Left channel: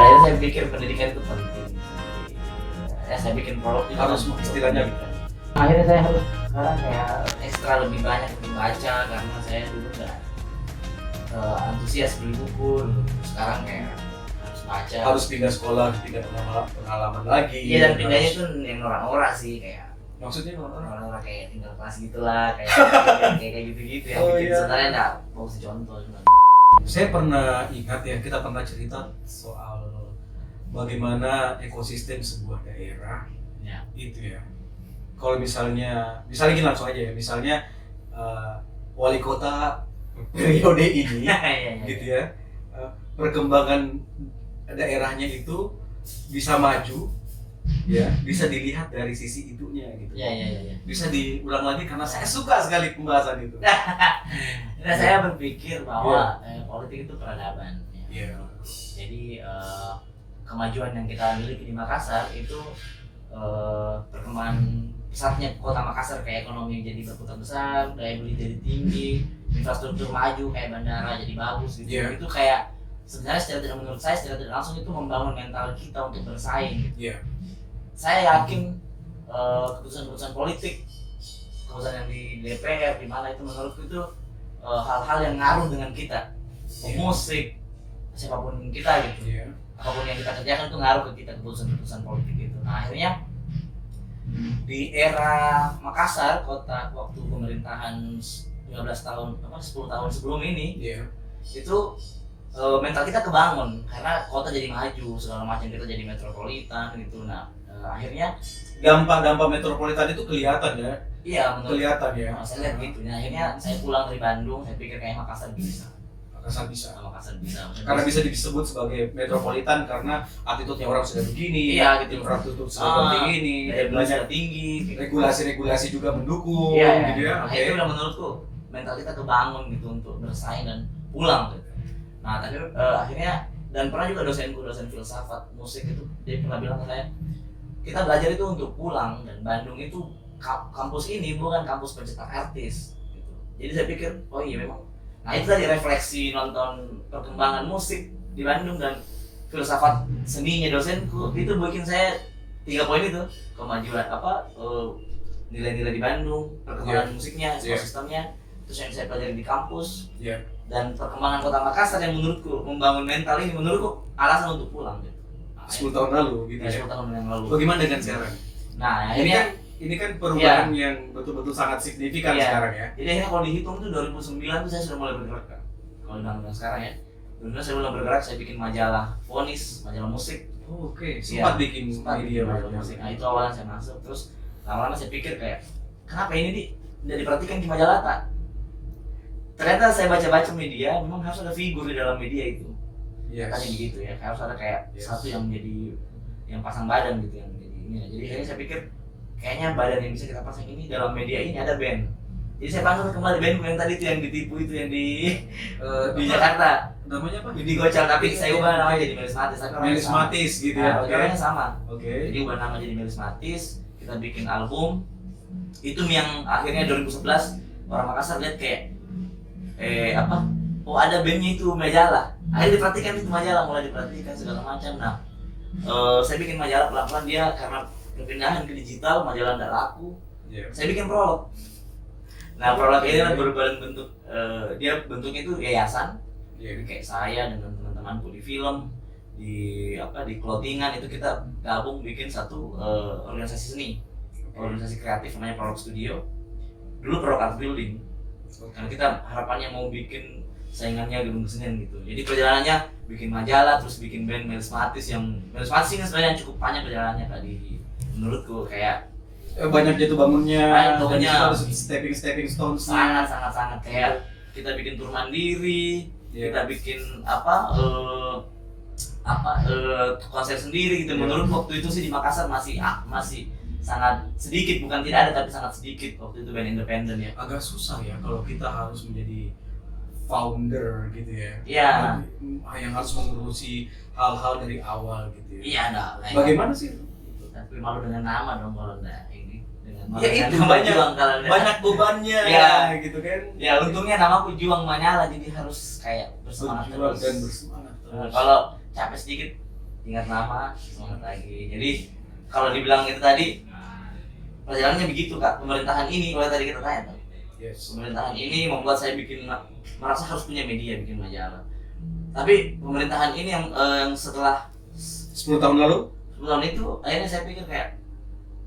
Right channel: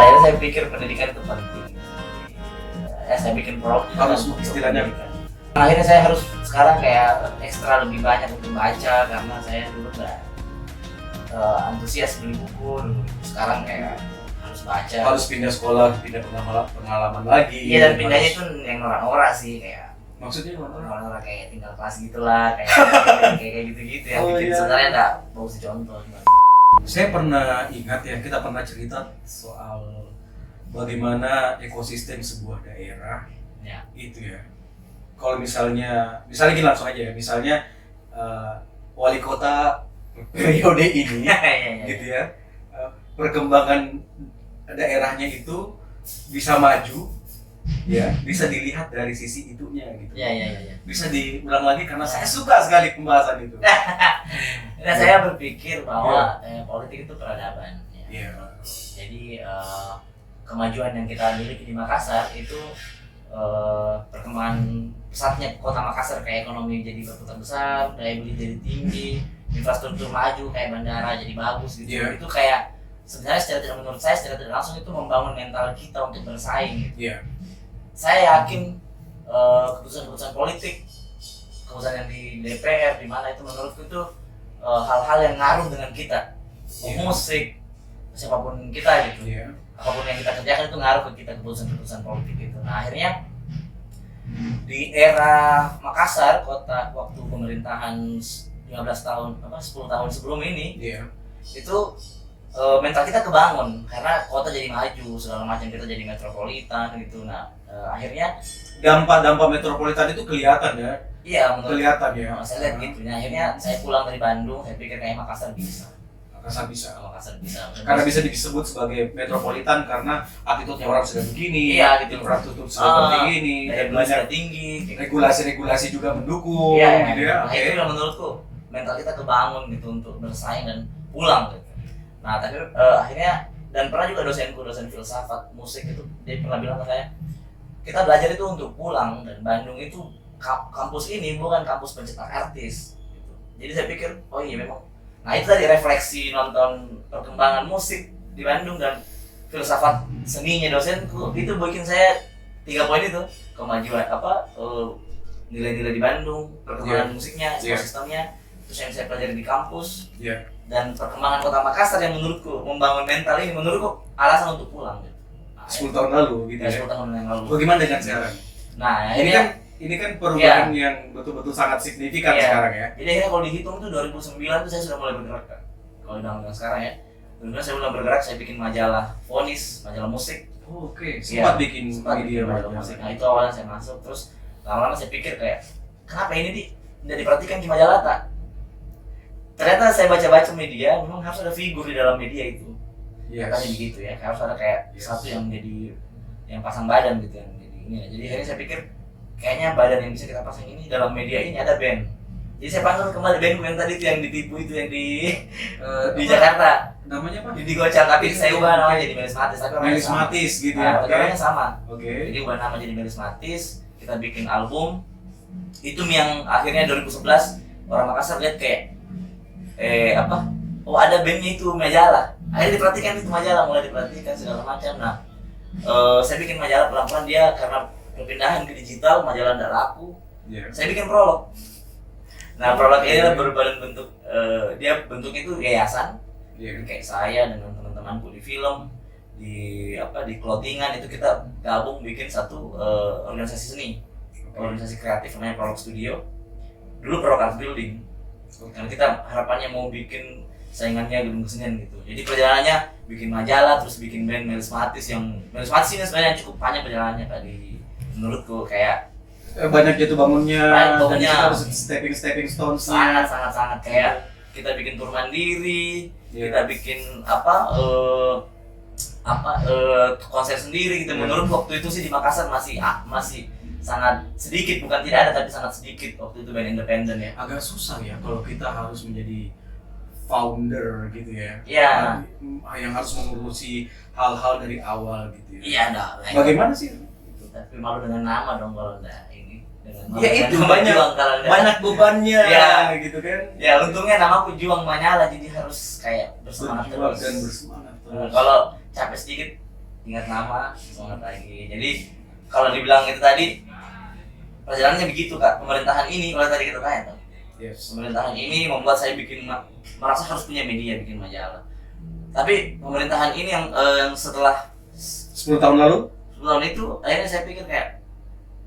pada akhirnya saya pikir pendidikan itu penting. Saya bikin prolog Harus istilahnya. Akhirnya saya harus sekarang kayak ekstra lebih banyak untuk baca karena saya dulu nggak antusias beli buku dulu. Sekarang kayak harus baca. Harus pindah sekolah, pindah pengalaman lagi. Iya, dan pindahnya pun yang norak-norak sih, kayak Maksudnya norak-norak kayak tinggal kelas gitulah, kayak gitu-gitu ya. Oh, Bikin iya. sebenarnya nggak mau kasih contoh. saya pernah ingat ya, kita pernah cerita soal bagaimana ekosistem sebuah daerah Ya. itu ya. Kalau misalnya gini langsung aja ya, misalnya wali kota periode ini Iya. gitu ya, perkembangan daerahnya itu bisa maju ya, bisa dilihat dari sisi itunya gitu. Iya. Bisa diulang lagi karena saya suka sekali pembahasan itu. Nah, saya berpikir bahwa politik itu peradaban. Ya. Iya. Jadi kemajuan yang kita miliki di Makassar itu perkembangan pesatnya kota Makassar, kayak ekonomi jadi berputar besar, daya beli jadi tinggi, infrastruktur maju kayak bandara jadi bagus gitu. Yeah. Itu kayak sebenarnya menurut saya secara tidak langsung itu membangun mental kita untuk bersaing gitu. Iya. Saya yakin keputusan-keputusan politik, keputusan yang di DPR di mana itu menurutku itu hal-hal yang ngaruh dengan kita. Yeah. Musik, siapapun kita gitu. Iya. Apapun yang kita kerjakan itu ngaruh ke kita, keputusan-keputusan politik itu. Nah, akhirnya di era Makassar, kota waktu pemerintahan 10 tahun sebelum ini, Iya. itu mental kita kebangun karena kota jadi maju, segala macam, kita jadi metropolitan gitu. Nah, akhirnya Dampak metropolitan itu kelihatan ya. iya menurut Kelihatan ya. saya lihat gitu. Nah, akhirnya saya pulang dari Bandung, saya pikir kayak Makassar bisa. Makassar bisa. Karena bisa disebut sebagai metropolitan karena attitude-nya orang sudah begini. Iya, gitu. Infrastruktur seperti ini dan banyak sudah tinggi, gitu. regulasi-regulasi juga mendukung Iya, gitu ya. Nah, itu yang menurutku mental kita kebangun gitu untuk bersaing dan pulang gitu. Nah, tapi akhirnya, dan pernah juga dosen filsafat musik itu, dia pernah bilang ke saya, kita belajar itu untuk pulang, dan Bandung itu kampus ini bukan kampus pencetak artis gitu. Jadi saya pikir, oh iya memang. Nah, itu tadi refleksi nonton perkembangan musik di Bandung dan filsafat seninya dosenku, itu bikin saya 3 poin itu, kemajuan nilai-nilai di Bandung, perkembangan musiknya, ekosistemnya, terus yang saya pelajari di kampus, dan perkembangan kota Makassar yang menurutku membangun mental ini, menurutku alasan untuk pulang gitu. 10 tahun lalu gitu ya. 10 tahun yang lalu. Bagaimana dengan sekarang? Nah, Ini kan perubahan yang betul-betul sangat signifikan sekarang ya. Jadi akhirnya kalau dihitung tuh 2009 tuh saya sudah mulai bergerak kan. Kalau dengan sekarang ya. 2009 saya mulai bergerak, saya bikin majalah Vonis, majalah musik. Oh, oke. Sempat bikin media majalah musik. Nah, itu awalnya saya masuk, terus lama-lama saya pikir kayak, kenapa ini tidak diperhatikan di majalah tak? Ternyata saya baca-baca media, memang harus ada figur di dalam media itu. Katanya begitu ya, harus ada kayak satu yang menjadi yang pasang badan gitu, yang jadi ini. Jadi akhirnya saya pikir kayaknya badan yang bisa kita pasang ini dalam media ini ada band. Jadi saya panggil kembali bandku yang tadi itu, yang ditipu itu, yang di Jakarta. Namanya apa? Di Gocak, tapi saya ubah namanya jadi Melismatis. Tapi Melismatis gitu ya. Orangnya sama. Oke. Jadi ubah nama jadi Melismatis. Kita bikin album. Itu yang akhirnya 2011 orang Makassar lihat kayak oh ada bandnya itu, majalah. Akhirnya diperhatikan itu majalah, mulai diperhatikan segala macam. Nah, saya bikin majalah pelan-pelan, dia karena perpindahan ke digital, majalah tidak laku. Saya bikin prolog. Nah, prolog ini berbadan bentuk, dia bentuknya itu yayasan. Kayak saya dengan teman-temanku di film, di clothingan, itu kita gabung bikin satu organisasi seni, organisasi kreatif namanya Prolog Studio. Dulu Prolog Art Building. Karena kita harapannya mau bikin saingannya gedung kesenian gitu. Jadi perjalanannya bikin majalah, terus bikin band Melismatis, yang Melismatis ini sebenarnya cukup panjang perjalanannya tadi menurutku, kayak banyak jatuh bangunnya, dan harus stepping stones-nya. sangat kayak kita bikin tur mandiri, kita bikin konser sendiri gitu. Menurut waktu itu sih di Makassar masih sangat sedikit, bukan tidak ada tapi sangat sedikit waktu itu band independen ya. Agak susah ya kalau kita harus menjadi founder gitu ya. Iya. Yang harus mengurusi hal-hal dari awal gitu ya. Iya, enggak. Bagaimana sih? Tapi malu dengan nama dong kalau enggak ini. Ya itu banyak bebannya gitu kan. Ya untungnya namaku Juang Manyala, jadi harus kayak bersemangat terus. dan bersemangat terus. Kalau capek sedikit ingat nama, semangat lagi. Jadi kalau dibilang itu tadi perjalanannya begitu Kak. Pemerintahan ini kalau tadi kita tanya tuh. Yes. Pemerintahan ini membuat saya merasa harus punya media, bikin majalah. Tapi pemerintahan ini yang setelah 10 tahun lalu 10 tahun itu akhirnya saya pikir kayak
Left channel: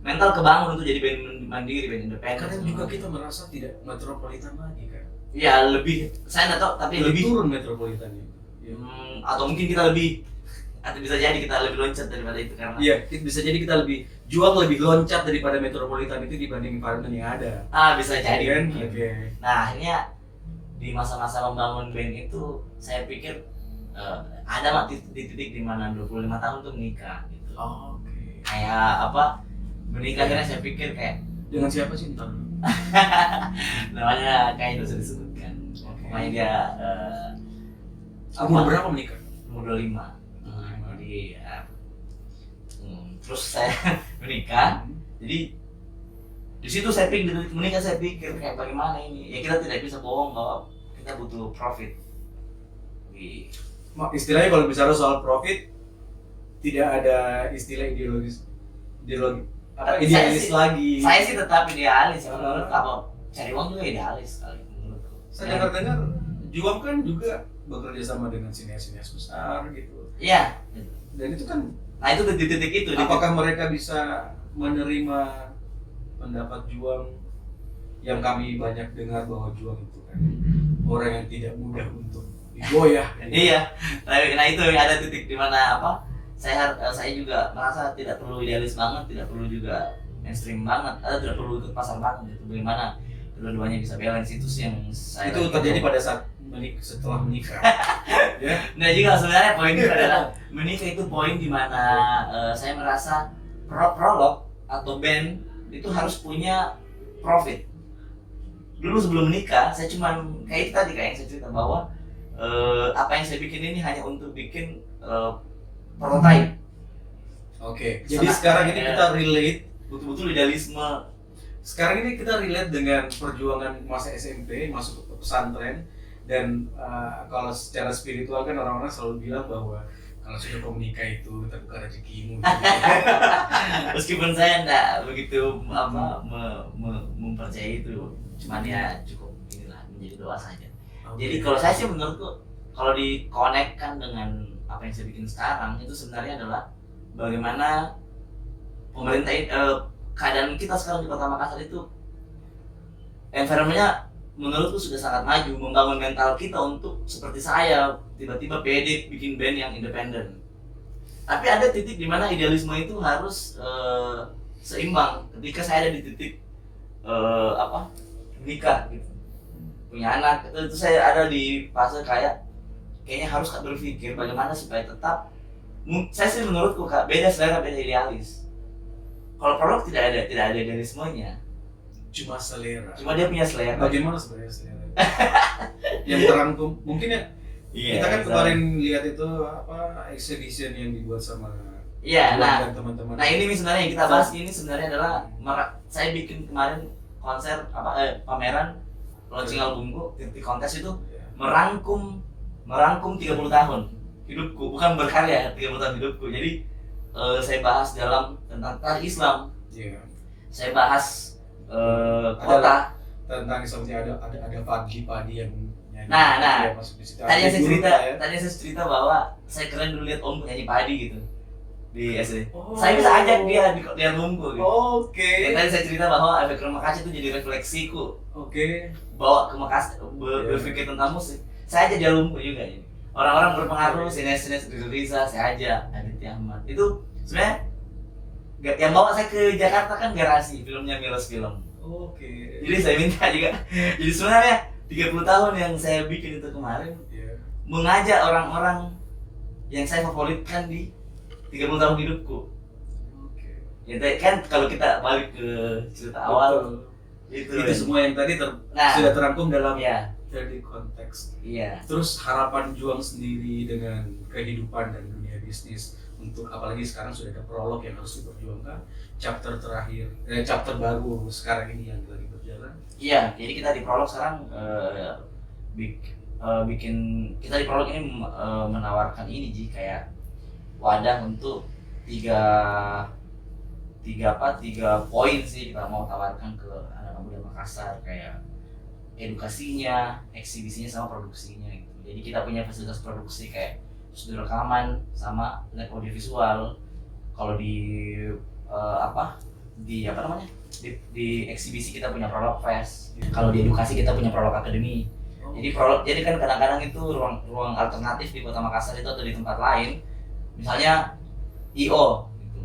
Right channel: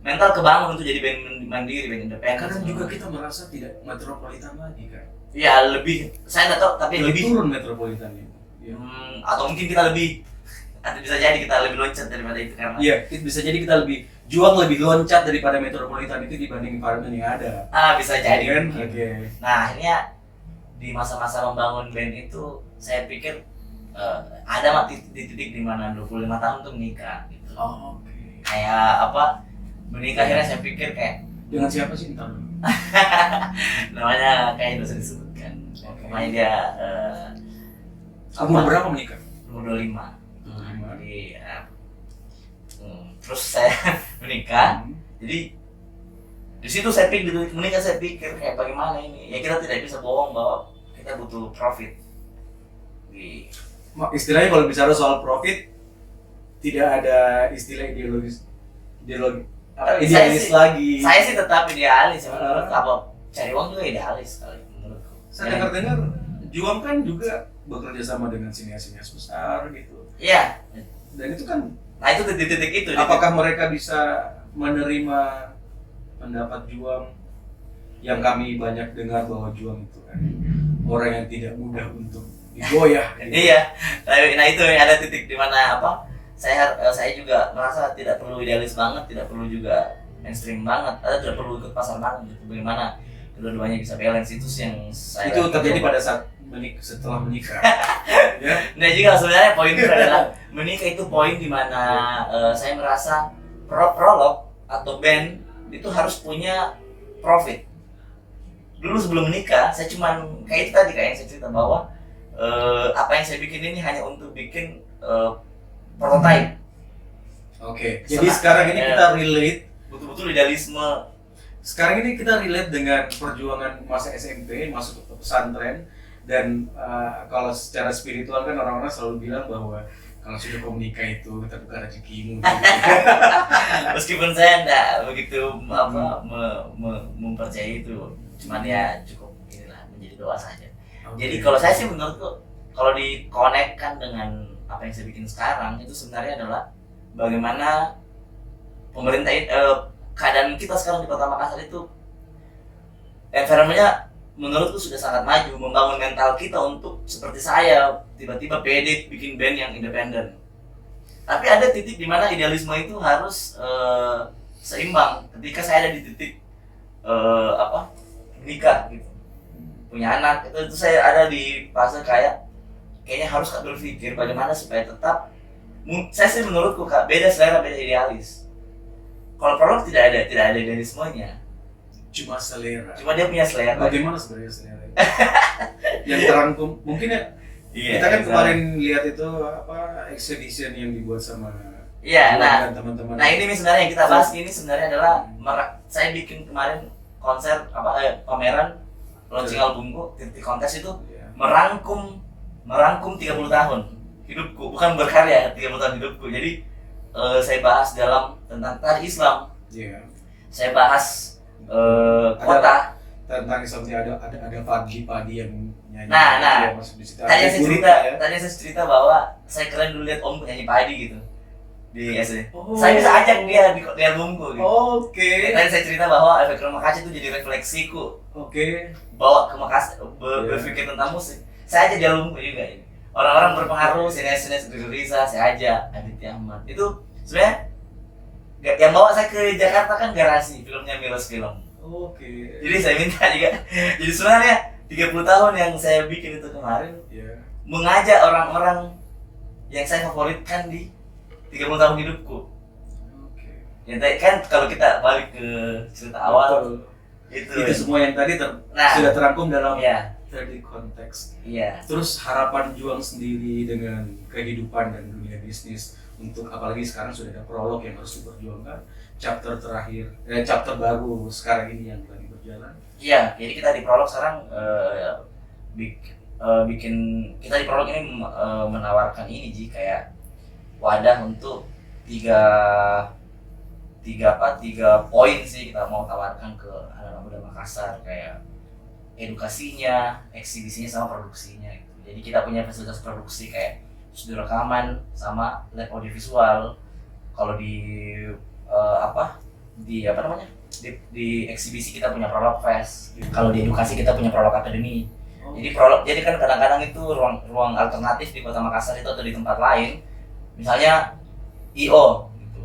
mental kebangun untuk jadi band mandiri, band independen. kadang juga kita merasa tidak metropolitan lagi kan. Ya lebih, saya nggak tahu tapi lebih turun metropolitannya. Ya. Atau mungkin kita lebih, atau bisa jadi kita lebih loncat daripada itu karena Iya, bisa jadi kita lebih loncat daripada metropolitan itu dibanding environment yang ada. bisa jadi kan? mungkin. Oke. Nah akhirnya di masa-masa membangun band itu saya pikir ada titik-titik di mana 25 tahun tuh menikah gitu. Oh, oke. Kayak apa, menikah akhirnya saya pikir kayak Dengan siapa sih ntar? namanya kayak itu sudah disebutkan. Oke. Pokoknya dia Umur berapa menikah? umur 25. 25. Jadi terus saya menikah. Jadi di situ saya pikir, di menikah saya pikir kayak bagaimana ini ya, kita tidak bisa bohong bahwa kita butuh profit. Istilahnya kalau bicara soal profit tidak ada istilah idealis lagi. Saya sih tetap idealis menurut apa, cari uang juga idealis kali menurutku. Saya dengar Juang kan juga bekerja sama dengan sinias-sinias besar gitu. Iya. Dan itu kan, Nah itu di titik itu. apakah mereka bisa menerima pendapat Juang yang kami banyak dengar bahwa Juang itu kan orang yang tidak mudah untuk digoyah. Gitu. Iya. Nah itu yang ada titik di mana apa? Saya juga merasa tidak perlu idealis banget, tidak perlu juga mainstream banget, atau tidak perlu ikut pasar banget gitu. Bagaimana kedua-duanya bisa balance, itu sih yang saya itu terjadi pada saat setelah menikah. Ya. Nah juga sebenarnya poin itu adalah menikah itu poin di mana saya merasa prolog atau band itu harus punya profit. Dulu sebelum menikah saya cuman kayak itu tadi, kayak yang saya cerita bahwa apa yang saya bikin ini hanya untuk bikin prototype. Oke. Jadi sekarang ini kita relate betul-betul idealisme. Sekarang ini kita relate dengan perjuangan masa SMP masuk ke pesantren, dan kalau secara spiritual kan orang-orang selalu bilang bahwa kalau sudah kau menikah itu kita buka rezekimu. Meskipun saya enggak begitu mempercayai itu, cuman ya cukup inilah menjadi doa saja. Okay. Jadi kalau saya sih menurutku kalau dikonekkan dengan apa yang saya bikin sekarang itu sebenarnya adalah bagaimana pemerintah keadaan kita sekarang di Kota Makassar itu environment-nya menurutku sudah sangat maju, membangun mental kita untuk seperti saya tiba-tiba pede bikin band yang independen. Tapi ada titik di mana idealisme itu harus seimbang. Ketika saya ada di titik nikah gitu, punya anak, itu saya ada di fase kayaknya harus berpikir bagaimana supaya tetap, saya sih menurutku Kak, beda selera, beda idealis. Kalau prolog tidak ada idealismenya, cuma dia punya selera. Bagaimana sebenarnya selera yang terangkum mungkin ya. Kita kan kemarin lihat itu exhibition yang dibuat sama dan teman-teman. Nah ini sebenarnya yang kita bahas ini sebenarnya adalah saya bikin kemarin konser pameran launching albumku, titik kontes itu merangkum 30 tahun hidupku, bukan berkarya, 30 tahun hidupku. Jadi saya bahas tentang tari Islam. Saya bahas kota tentang Islamnya, ada padi yang nyanyi. Nah, masuk di situ. Tadi saya cerita bahwa saya keren dulu lihat om nyanyi padi gitu di SD. Saya bisa ajak dia di albumku gitu. Oke. Tadi saya cerita bahwa efek rumah kaca itu jadi refleksiku. Bawa ke Makassar, berpikir tentang musik. Saya aja di albumku juga ini. Orang-orang berpengaruh, sinias-sinias Riza, saya aja Aditya Ahmad. Itu sebenarnya yang bawa saya ke Jakarta kan Garasi, filmnya Milos Film. Jadi saya minta juga. Jadi sebenarnya 30 tahun yang saya bikin itu kemarin mengajak orang-orang yang saya favoritkan di 30 tahun hidupku. Ya kan kalau kita balik ke cerita awal, itu semua yang tadi sudah terangkum dalam 30 konteks. Terus harapan Juang sendiri dengan kehidupan dan dunia bisnis, untuk apalagi sekarang sudah ada prolog yang harus diperjuangkan, chapter terakhir, chapter baru sekarang ini yang lagi berjalan. Jadi kita di prolog sekarang kita di prolog ini menawarkan ini kayak wadah untuk tiga poin sih kita mau tawarkan ke anak-anak muda Makassar, kayak edukasinya, eksibisinya sama produksinya gitu. Jadi kita punya fasilitas produksi kayak studio rekaman sama lab audiovisual. Kalau di di eksibisi kita punya Prolog Fest. Kalau di edukasi kita punya Prolog Academy. Jadi kan kadang-kadang itu ruang alternatif di Kota Makassar itu atau di tempat lain, misalnya IO gitu.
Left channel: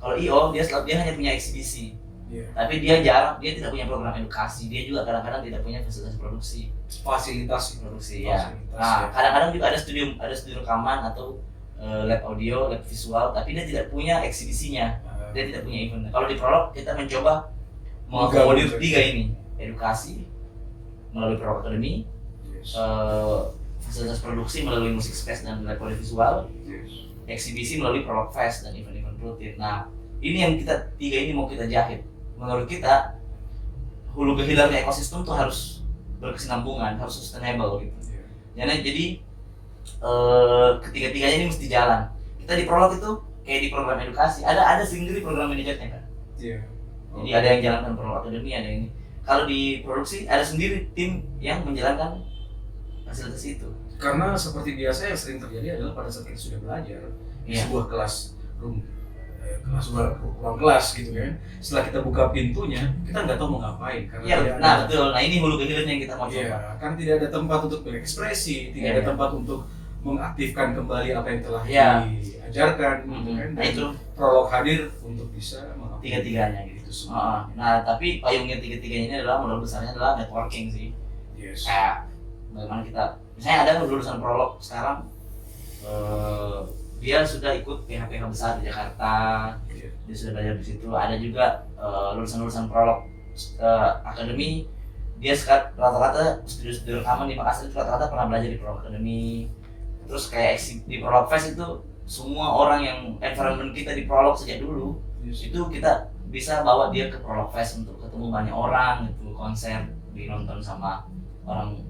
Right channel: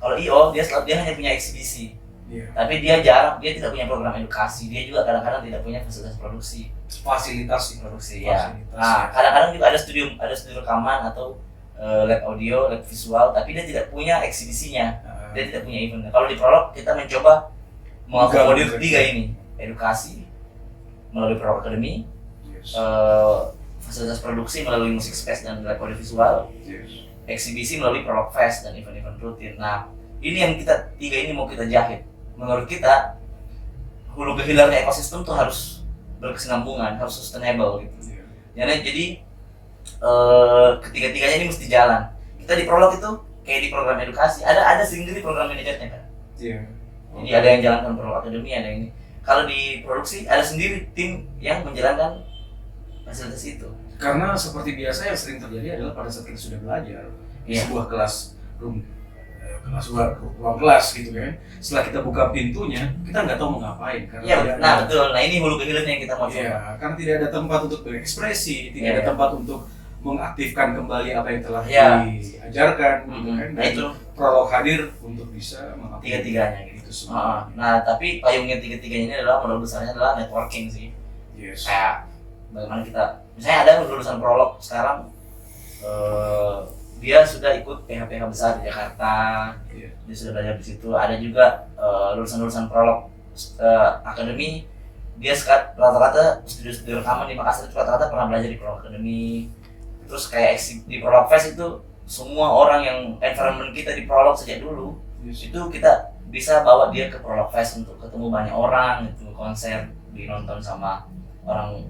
Kalau IO dia hanya punya eksibisi. Tapi dia tidak punya program edukasi, dia juga kadang-kadang tidak punya fasilitas fasilitas produksi ya. Nah, kadang-kadang juga ada studio rekaman atau lab audio, lab visual, tapi dia tidak punya eksibisinya, dia tidak punya event. Kalau di Prolog kita mencoba mengakomodir tiga ini, edukasi melalui Prolog Academy, fasilitas produksi melalui Music Space dan lab audio visual, eksibisi melalui Prolog Fest dan event-event rutin. Nah, ini yang tiga ini mau kita jahit. Menurut kita hulu ke hilirnya ekosistem tuh harus berkesinambungan, harus sustainable gitu. Jadi ketiga-tiganya ini mesti jalan. Kita di Prolog itu kayak di program edukasi ada sendiri program manajernya kan. Jadi ada yang jalankan Prolog Academy, ada ini. Kalau di produksi ada sendiri tim yang menjalankan fasilitas itu. Karena seperti biasa yang sering terjadi adalah pada saat kita sudah belajar di sebuah ruang kelas gitu kan, setelah kita buka pintunya kita nggak tahu mau ngapain karena betul. Nah ini hulu ke hilirnya yang kita mau coba. Karena tidak ada tempat untuk berekspresi, tidak ada tempat untuk mengaktifkan kembali apa yang telah diajarkan gitu kan. Dan itu Prolog hadir untuk bisa mengaktifkan tiga-tiganya gitu semua. Nah tapi payungnya tiga-tiganya ini adalah modal besarnya adalah networking sih. Kayak bagaimana kita, misalnya ada lulusan Prolog sekarang dia sudah ikut PH-PH besar di Jakarta, dia sudah belajar di situ. Ada juga lulusan Prolog Academy, dia sekarang rata-rata studio rekaman di Makassar itu rata-rata pernah belajar di Prolog Academy. Terus kayak di Prolog Fest itu semua orang yang environment kita di Prolog sejak dulu, itu kita bisa bawa dia ke Prolog Fest untuk ketemu banyak orang, itu konser dinonton sama orang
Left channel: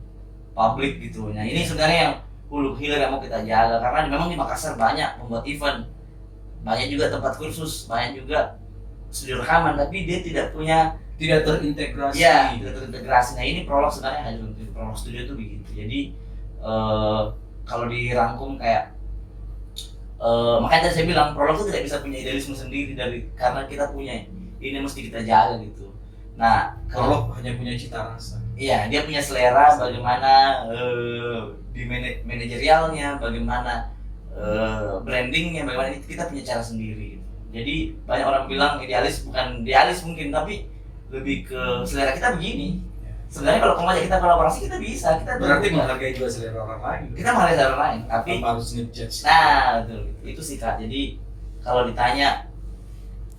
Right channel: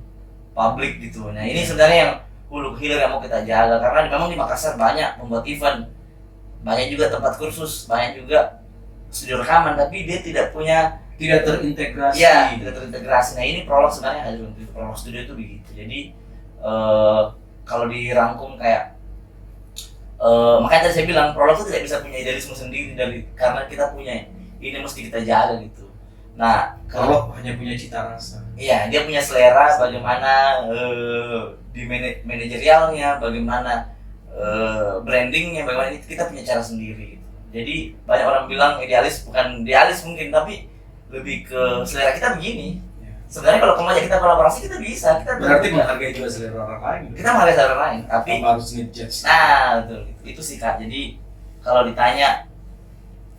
publik gitu. Nah ini sebenarnya yang hulu hilir yang mau kita jaga, karena memang di Makassar banyak membuat event, banyak juga tempat kursus, banyak juga studio rekaman, tapi dia tidak terintegrasi. Tidak terintegrasi. Nah ini Prolog sebenarnya ada untuk Prolog Studio itu begitu. Jadi kalau dirangkum kayak makanya tadi saya bilang Prolog itu tidak bisa punya idealisme sendiri karena kita punya ini mesti kita jaga gitu. Nah Prolog hanya punya cita rasa. Iya, dia punya selera bagaimana di manajerialnya, bagaimana brandingnya, bagaimana itu kita punya cara sendiri gitu. Jadi banyak orang bilang idealis, bukan idealis mungkin, tapi lebih ke selera kita begini. Sebenarnya kalau ngajak kita kolaborasi kita bisa, berarti menghargai juga selera orang lain. Kita menghargai selera orang lain, tapi harus ngejudge. Nah, betul. Itu sih Kak. Jadi kalau ditanya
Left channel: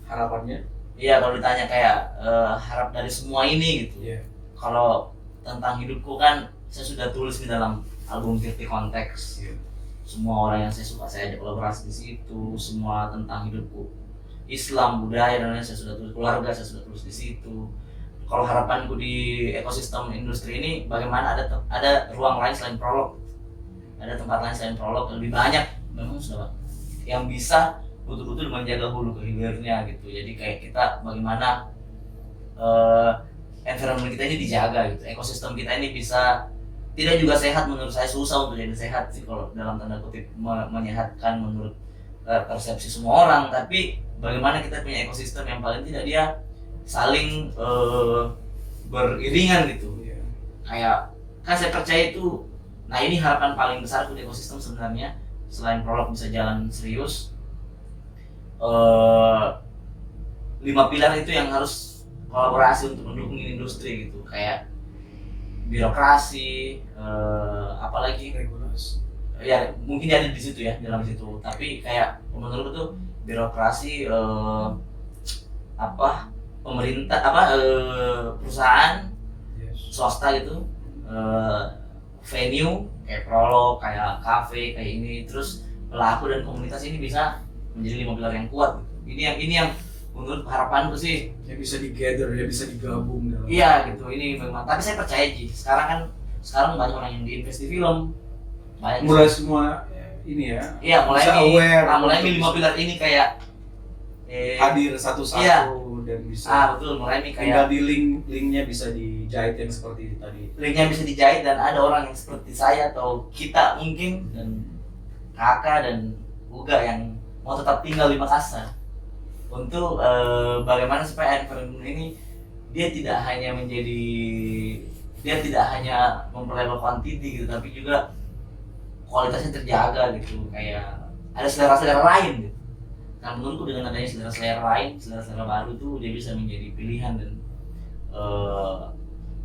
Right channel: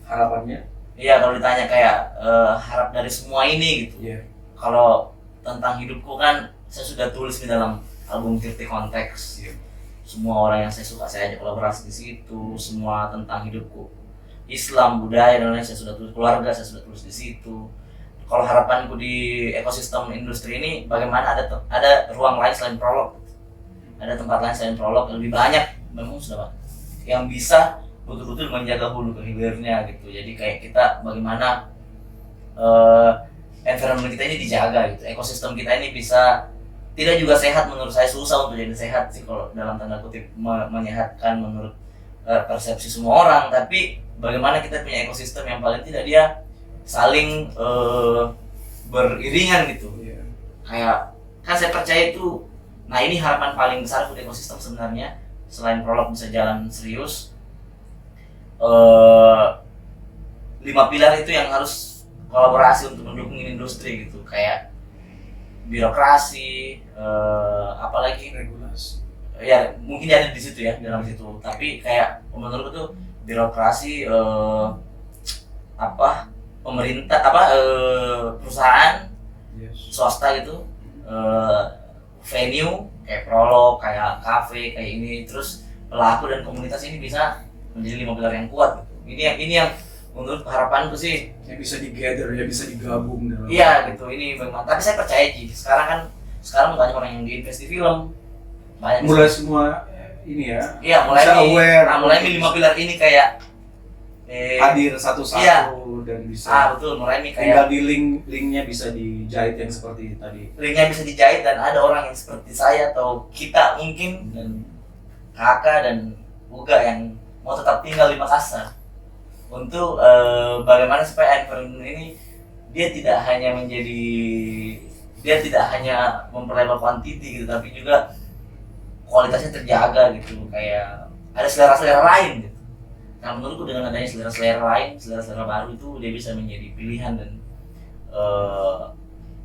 harapannya, kalau ditanya kayak harap dari semua ini gitu. Kalau tentang hidupku kan saya sudah tulis di dalam album 30 Konteks. Semua orang yang saya suka saya ajak kolaborasi di situ. Semua tentang hidupku, Islam, budaya dan lain saya sudah tulis, keluarga saya sudah tulis di situ. Kalau harapanku di ekosistem industri ini bagaimana ada ruang lain selain Prolog, ada tempat lain selain Prolog yang lebih banyak memang sudah yang bisa betul-betul menjaga hulu ke hilirnya gitu. Jadi kayak kita bagaimana environment kita ini dijaga gitu, ekosistem kita ini bisa tidak juga sehat. Menurut saya susah untuk jadi sehat sih kalau dalam tanda kutip menyehatkan menurut persepsi semua orang, tapi bagaimana kita punya ekosistem yang paling tidak dia saling beriringan gitu. Kayak kan saya percaya itu, nah ini harapan paling besar untuk ekosistem sebenarnya selain Prolog bisa jalan serius. 5 pilar itu yang harus kolaborasi untuk mendukung industri gitu, kayak birokrasi, apalagi regulasi. Ya mungkin ada di situ ya, dalam situ. Tapi kayak menurutku tuh birokrasi, pemerintah, perusahaan, swasta gitu, venue kayak Prolog, kayak kafe, kayak ini, terus pelaku dan komunitas ini bisa menjadi 5 pilar yang kuat. Ini yang menurut harapanku sih yang bisa digather, yang bisa digabung dalam. Iya gitu, ini bagaimana. Tapi saya percaya sekarang banyak orang yang diinvest di film. Mulai semua ini ya. Iya, mulai bisa aware. Mulai 5 pilar ini kayak hadir satu-satu iya. Dan bisa. Betul, mulai kayak tinggal di linknya bisa dijahit yang seperti tadi. Linknya bisa dijahit dan ada orang yang seperti saya atau kita mungkin dan kakak dan Uga yang mau tetap tinggal di Makassar untuk bagaimana supaya environment ini dia tidak hanya memperlebar kuantiti gitu, tapi juga kualitasnya terjaga gitu, kayak ada selera-selera lain gitu. Nah menurutku dengan adanya selera-selera lain, selera-selera baru itu dia bisa menjadi pilihan dan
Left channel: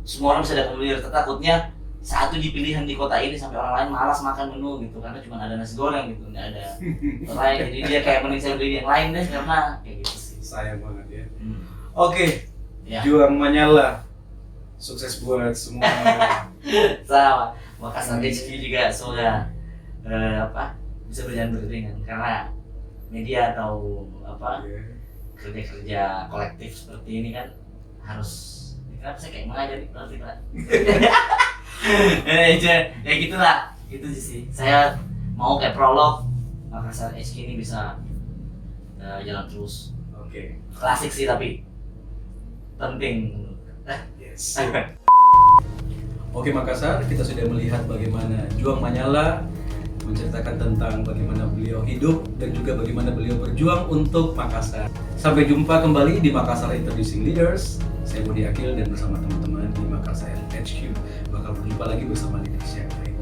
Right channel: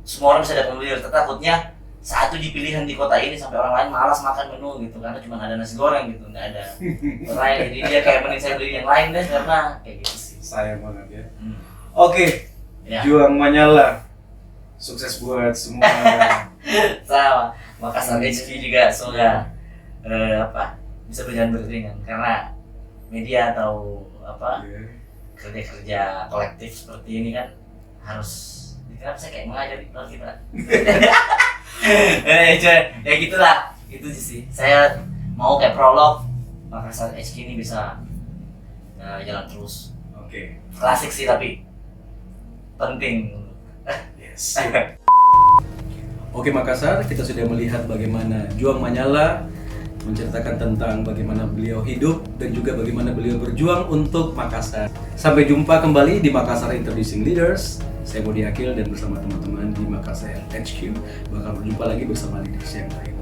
semua orang bisa dapat memilih. Takutnya satu pilihan di kota ini sampai orang lain malas makan menu gitu karena cuma ada nasi goreng gitu, nggak ada lain. Jadi dia kayak mending saya beli yang lain deh karena kayak gitu sih. Sayang banget ya. Oke. Ya. Juang Manyala. Sukses buat semua. Sama. Makassar HQ juga semoga bisa berjalan beriringan karena media atau kerja-kerja kolektif seperti ini kan harus, kenapa saya kayak mengajar kalau kita ya gitulah, itu sih saya mau kayak prolog Makassar HQ ini bisa jalan terus. Oke. Klasik sih tapi penting. Yes. Oke Makassar, kita sudah melihat bagaimana Juang Manyala menceritakan tentang bagaimana beliau hidup dan juga bagaimana beliau berjuang untuk Makassar. Sampai jumpa kembali di Makassar Introducing Leaders. Saya Budi Akil dan bersama teman-teman di Makassar HQ bakal berjumpa lagi bersama leaders yang lain.